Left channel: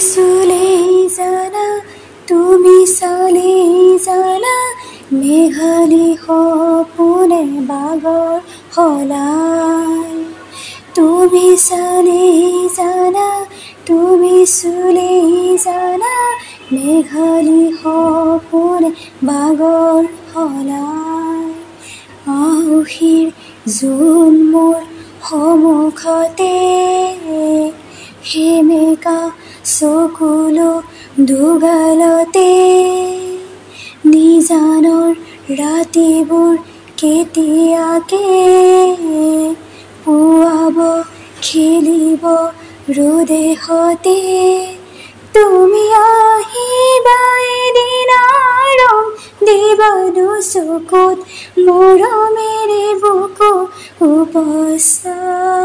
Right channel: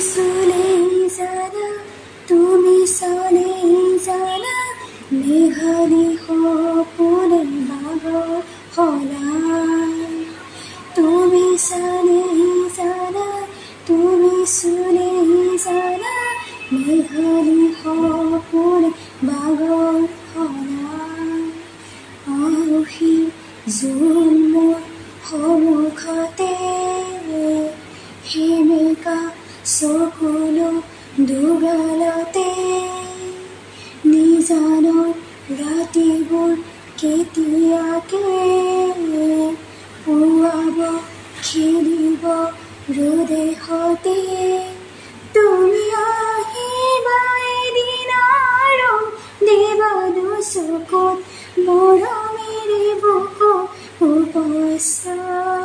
চুলেই জানা তুমি চালেই জানা মেঘালী সপোনে বাগৰ সলাই তুমি চালেই জানা তুমি চুলেই জানা মেঘালী সপোনে বাগৰ সলাই আহুহিৰ জোন মোৰ সন্মুখতে সেমেকা চকুলো দুগালতে নিজানৰ ৰাতিবোৰ কেতিয়াকে পুৱাব খেলিব ৰ'দে সতে তুমি আহিবা এদিন ৰং দিব দুচকুত মৰমেৰে বুকু উপচাই